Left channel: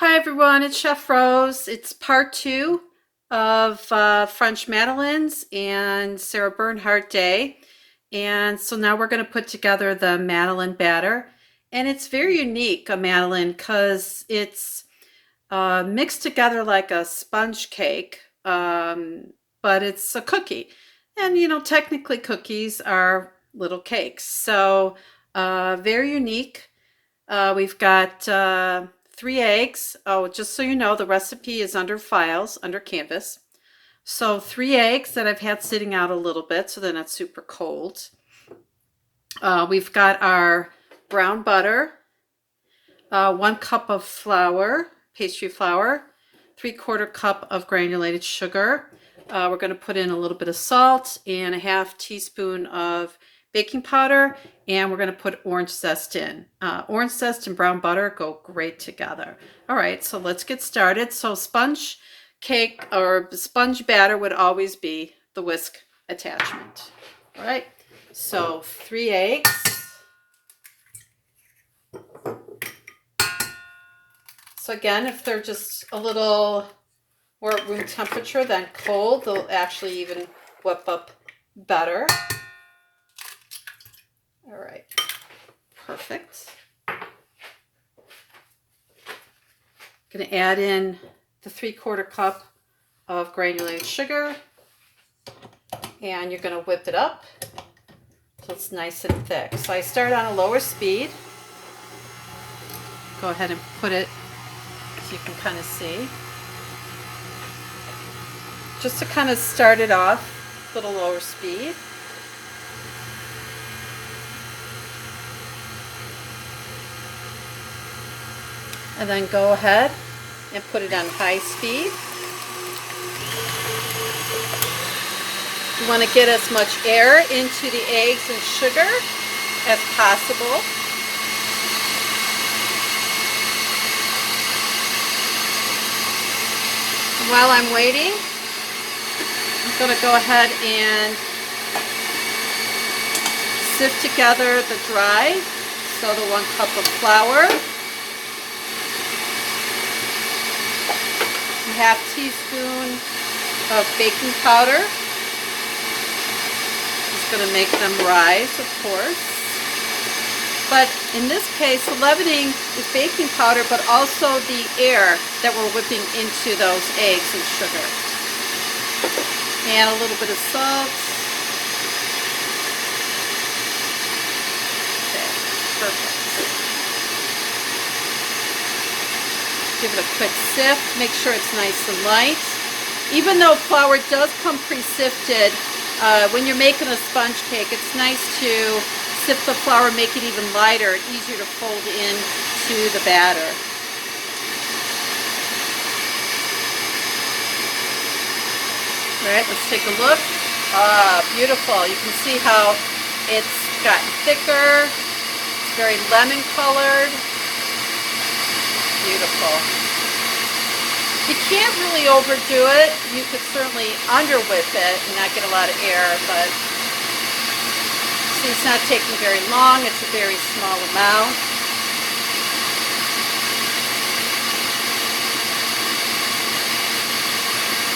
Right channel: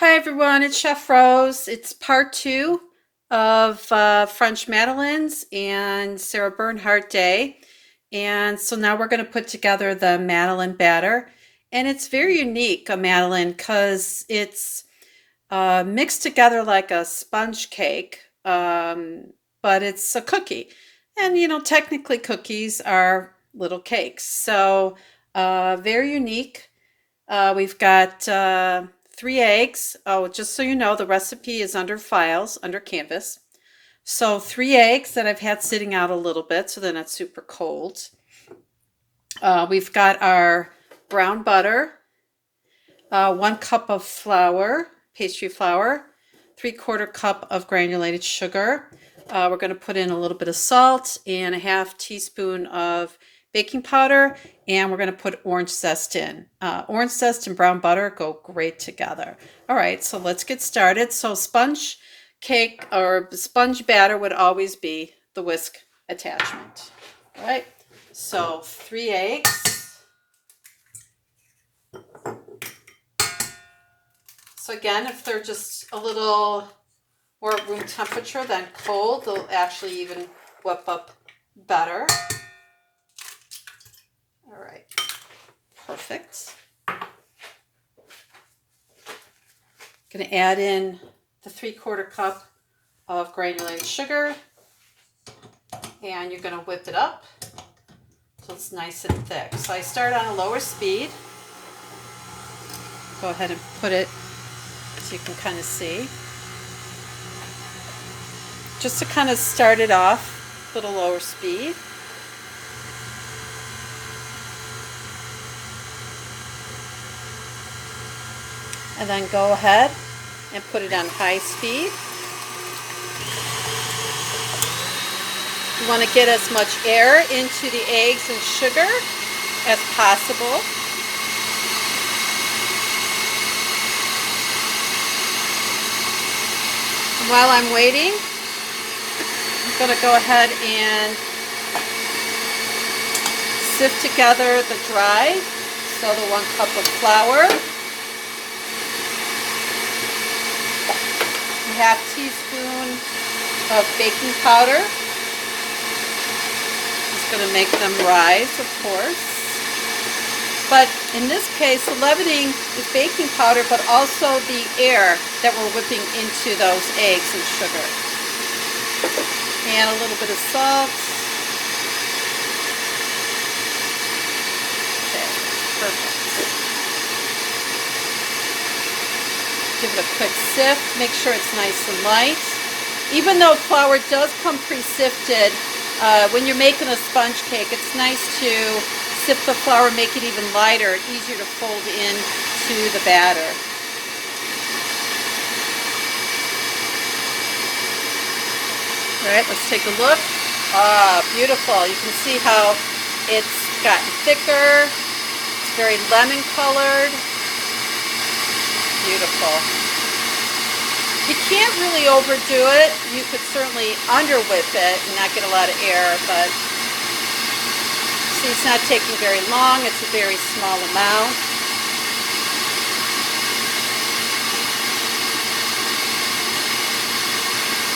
Hi everyone, it's Chef Rose. It's part two of French Madeleines and Sarah Bernhardt Day. And so now we're going to put together the Madeleine batter. And it's very unique, a Madeleine, because it's mixed together like a sponge cake, but it's a cookie. And technically cookies are little cakes. So very unique. We've got 3 eggs. Oh, just so you know, the recipe is under files, under canvas. So 3 eggs that I've had sitting out a little bit so they're not super cold. We've got our brown butter, 1 cup of flour, pastry flour, 3/4 cup of granulated sugar. We're going to put in a little bit of salt and a half teaspoon of baking powder, and we're going to put orange zest in. Orange zest and brown butter go great together. All right, so let's get started. So sponge cake or sponge batter would always be the whisk attachment. All right, so 3 eggs. So again, if they're just a little more at room temperature than cold, they'll actually even whip up better. All right, perfect. Going to add in the 3/4 cup of granulated sugar, and you're going to whip it up till it's nice and thick. So I start on a lower speed. Go ahead and put it so you can kind of see. Just to kind of start it off with a lower speed. And then go ahead and put it on high speed. You want to get as much air into the eggs and sugar as possible. And while I'm waiting, I'm going to go ahead and sift together the dry. So the 1 cup of flour, a half teaspoon of baking powder. It's going to make them rise, of course. But in this case, the leavening is baking powder, but also the air that we're whipping into those eggs and sugar. And a little bit of salt. Okay, perfect. Give it a quick sift. Make sure it's nice and light. Even though flour does come pre-sifted, when you're making a sponge cake, it's nice to sift the flour, make it even lighter, easier to fold into the batter. All right, let's take a look. Ah, beautiful. You can see how it's gotten thicker, very lemon colored. Beautiful. You can't really overdo it. You could certainly under whip it and not get a lot of air, but see, it's not taking very long. It's a very small amount.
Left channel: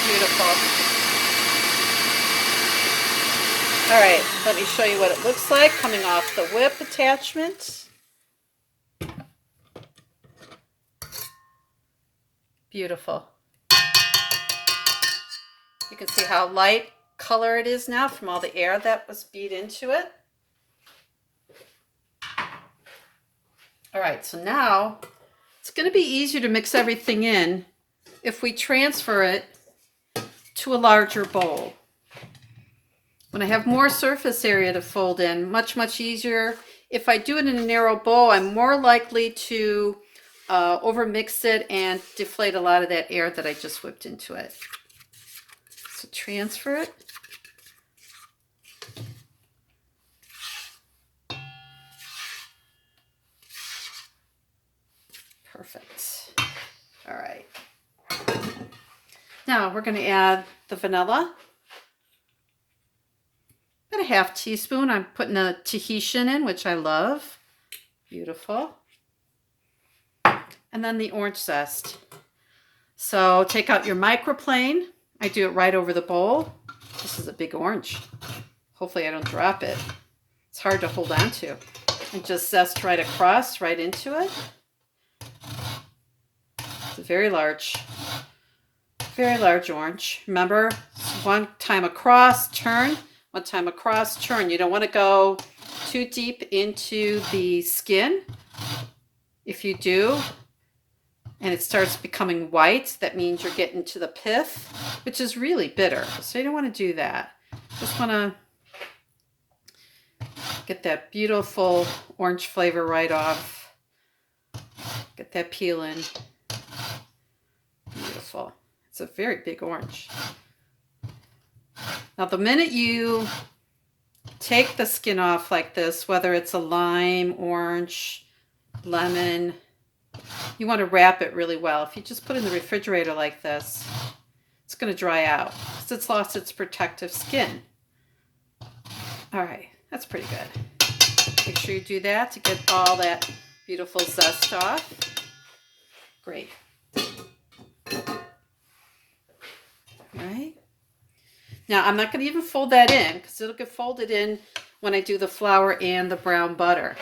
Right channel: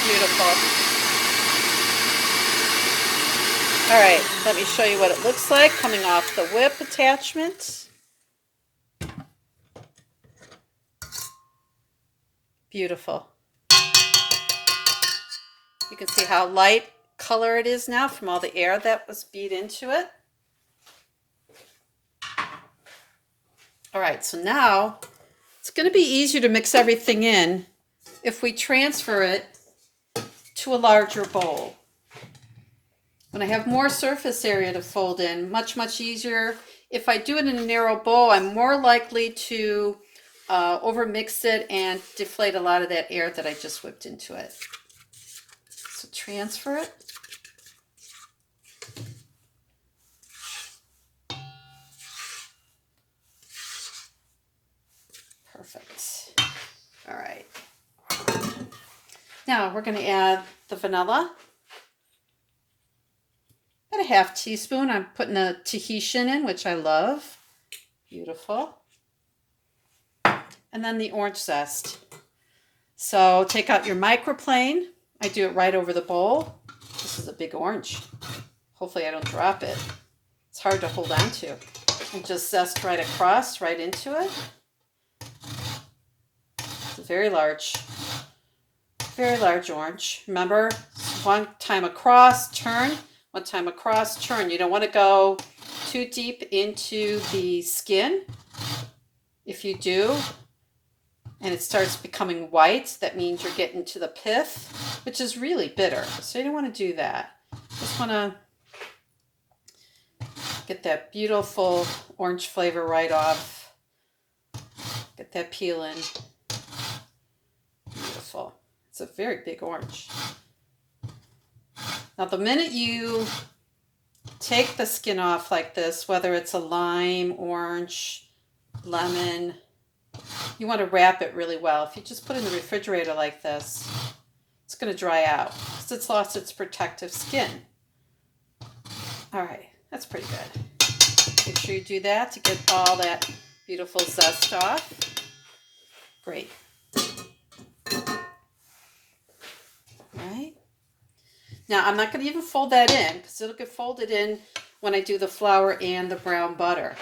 Beautiful. All right, let me show you what it looks like coming off the whip attachment. Beautiful. You can see how light color it is now from all the air that was beat into it. All right, so now it's going to be easier to mix everything in if we transfer it to a larger bowl. When I have more surface area to fold in, much easier. If I do it in a narrow bowl, I'm more likely to overmix it and deflate a lot of that air that I just whipped into it. So transfer it. Perfect. All right. Now we're going to add the vanilla. About a half teaspoon. I'm putting a Tahitian in, which I love. Beautiful. and then the orange zest. So take out your microplane. I do it right over the bowl. This is a big orange. Hopefully I don't drop it. It's hard to hold on to. And just zest right across, right into it. It's a very large orange. Remember, one time across, turn. One time across, turn. You don't want to go too deep into the skin. If you do, and it starts becoming white, that means you're getting to the pith, which is really bitter. So you don't want to do that. Just want to get that beautiful orange flavor right off. Get that peel in. Beautiful. It's a very big orange. Now the minute you take the skin off like this, whether it's a lime, orange, lemon, you want to wrap it really well. If you just put it in the refrigerator like this, it's going to dry out because it's lost its protective skin. All right, that's pretty good. Make sure you do that to get all that beautiful zest off. Great. All right. Now I'm not going to even fold that in because it'll get folded in when I do the flour and the brown butter.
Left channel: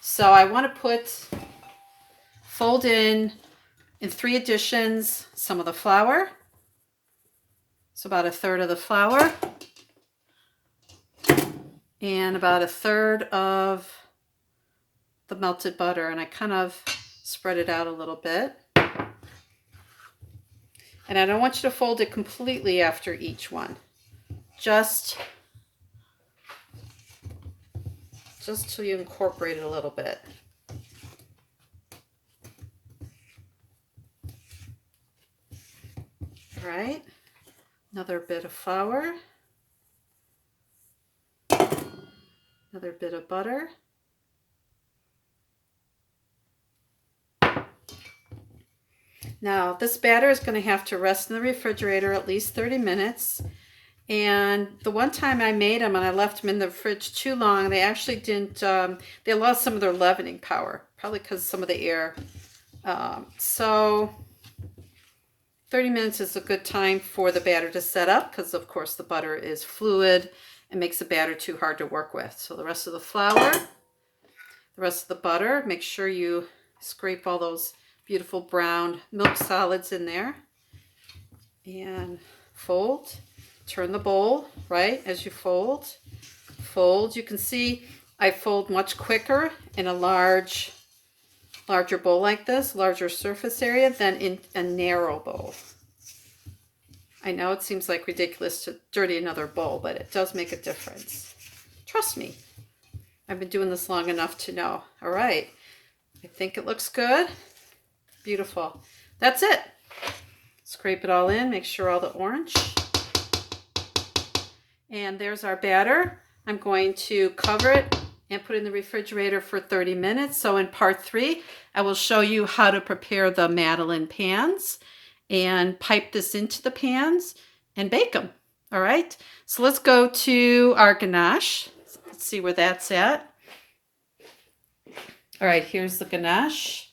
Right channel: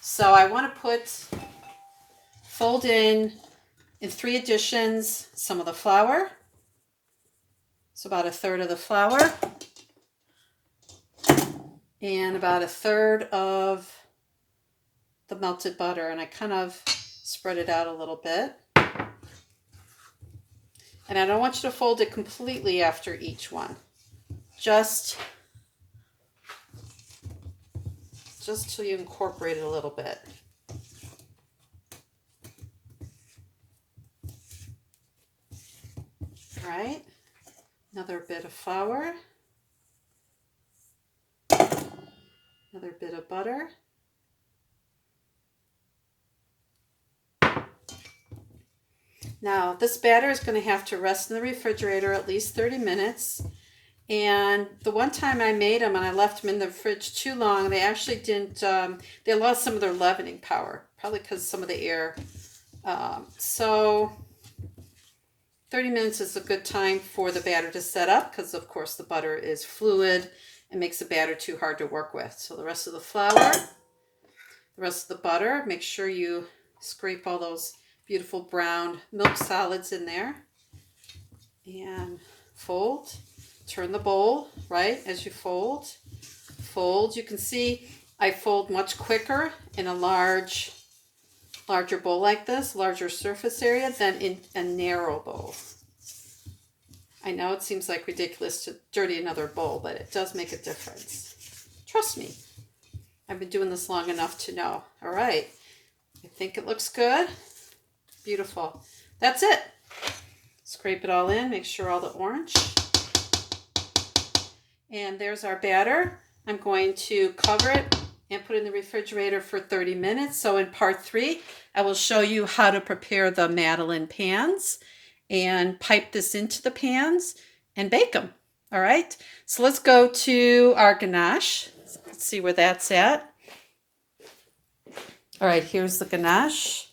So I want to fold in 3 additions, some of the flour. So about 1/3 of the flour. And about 1/3 of the melted butter. And I kind of spread it out a little bit. And I don't want you to fold it completely after each one. Just till you incorporate it a little bit. All right, another bit of flour, another bit of butter. Now this batter is going to have to rest in the refrigerator at least 30 minutes. And the one time I made them and I left them in the fridge too long, they actually didn't, they lost some of their leavening power, probably because some of the air. So 30 minutes is a good time for the batter to set up because, of course, the butter is fluid and makes the batter too hard to work with. So the rest of the flour, the rest of the butter, make sure you scrape all those beautiful brown milk solids in there. And fold. Turn the bowl, right, as you fold. Fold. You can see I fold much quicker in a larger bowl like this, larger surface area, than in a narrow bowl. I know it seems like ridiculous to dirty another bowl, but it does make a difference. Trust me. I've been doing this long enough to know. All right. I think it looks good. Beautiful. That's it. Scrape it all in. Make sure all the orange. And there's our batter. I'm going to cover it and put it in the refrigerator for 30 minutes. So in part 3, I will show you how to prepare the Madeleine pans and pipe this into the pans and bake them. All right. So let's go to our ganache. Let's see where that's at. All right. Here's the ganache.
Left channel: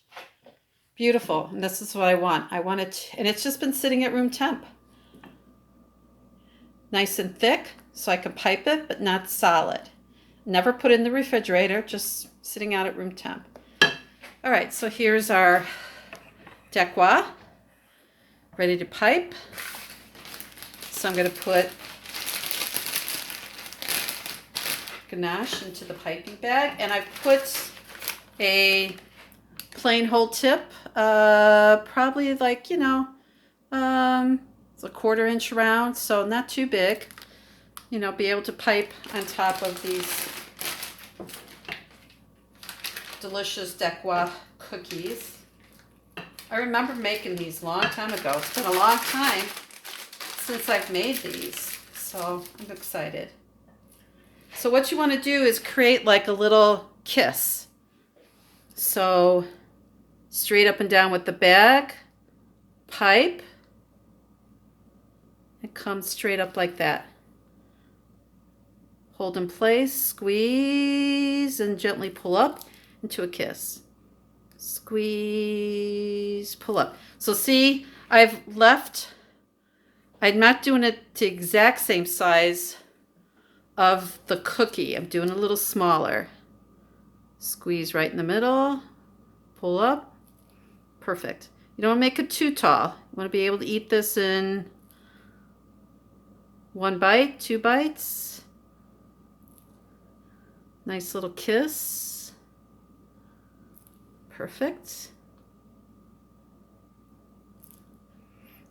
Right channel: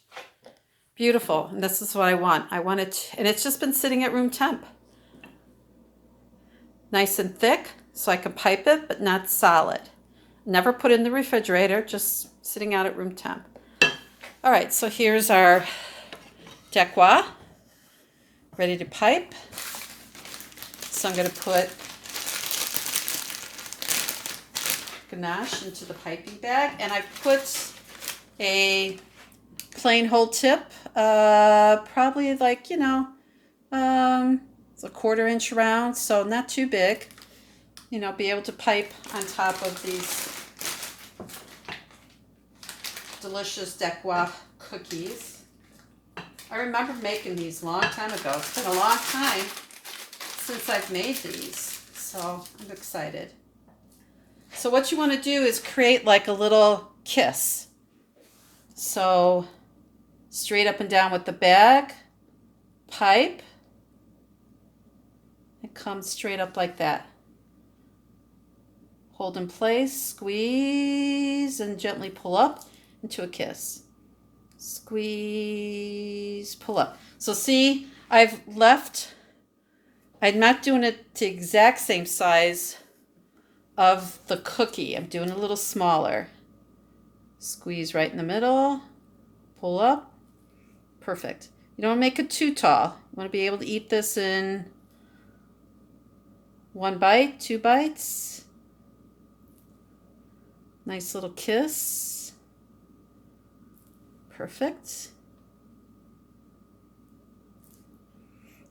Beautiful. And this is what I want. I want it, and it's just been sitting at room temp. Nice and thick. So I can pipe it, but not solid. Never put it in the refrigerator, just sitting out at room temp. All right, so here's our decois, ready to pipe. So I'm going to put ganache into the piping bag, and I put a plain hole tip, probably like, it's a 1/4 inch round, so not too big. Be able to pipe on top of these delicious decois cookies. I remember making these a long time ago. It's been a long time since I've made these, so I'm excited. So what you want to do is create like a little kiss. So straight up and down with the bag, pipe, it comes straight up like that. Hold in place, squeeze, and gently pull up into a kiss. Squeeze, pull up. So see, I'm not doing it the exact same size of the cookie. I'm doing a little smaller. Squeeze right in the middle, pull up, perfect. You don't want to make it too tall. You want to be able to eat this in 1 bite, 2 bites. Nice little kiss. Perfect.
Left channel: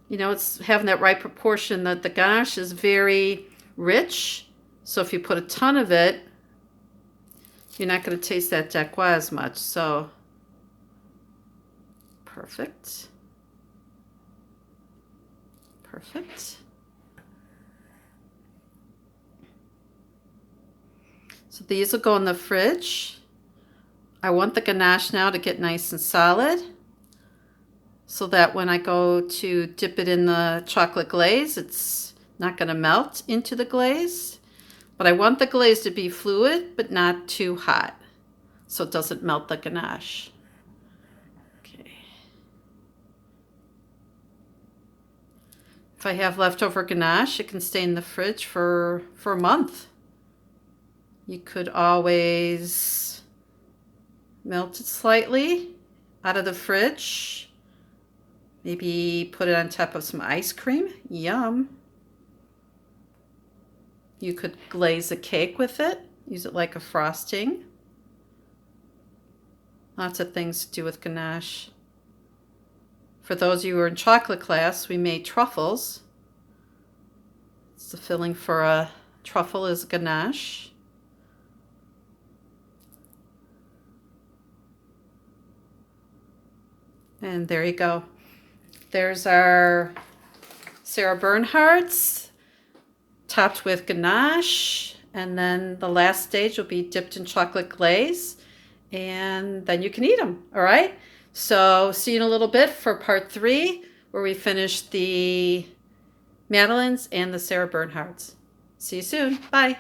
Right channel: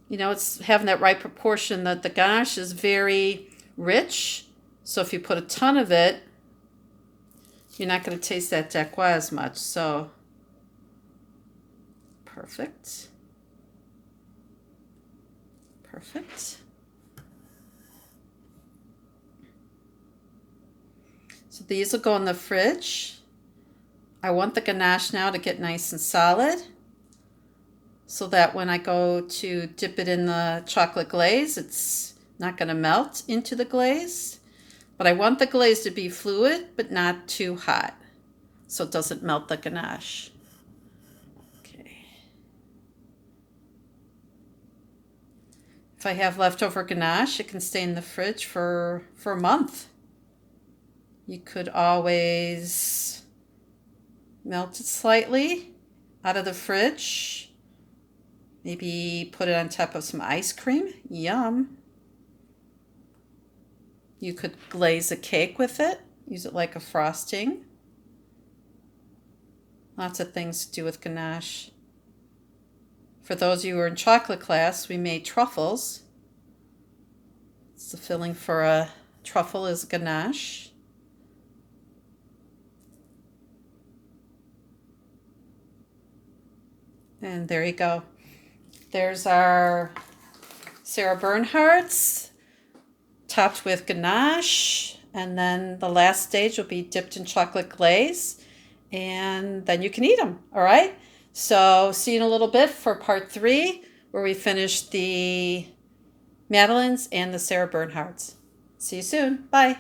You know, it's having that right proportion that the ganache is very rich. So if you put a ton of it, you're not going to taste that dacquoise as much. So, perfect. Perfect. So these will go in the fridge. I want the ganache now to get nice and solid, so that when I go to dip it in the chocolate glaze, it's not going to melt into the glaze. But I want the glaze to be fluid, but not too hot, so it doesn't melt the ganache. Okay. If I have leftover ganache, it can stay in the fridge for a month. You could always melt it slightly out of the fridge. Maybe put it on top of some ice cream. Yum. You could glaze a cake with it. Use it like a frosting. Lots of things to do with ganache. For those of you who are in chocolate class, we made truffles. It's the filling for a truffle is ganache. And there you go. There's our Sarah Bernhardt's, topped with ganache, and then the last stage will be dipped in chocolate glaze, and then you can eat them. All right, so see you in a little bit for part 3, where we finish the Madeleines and the Sarah Bernhardt's. See you soon. Bye.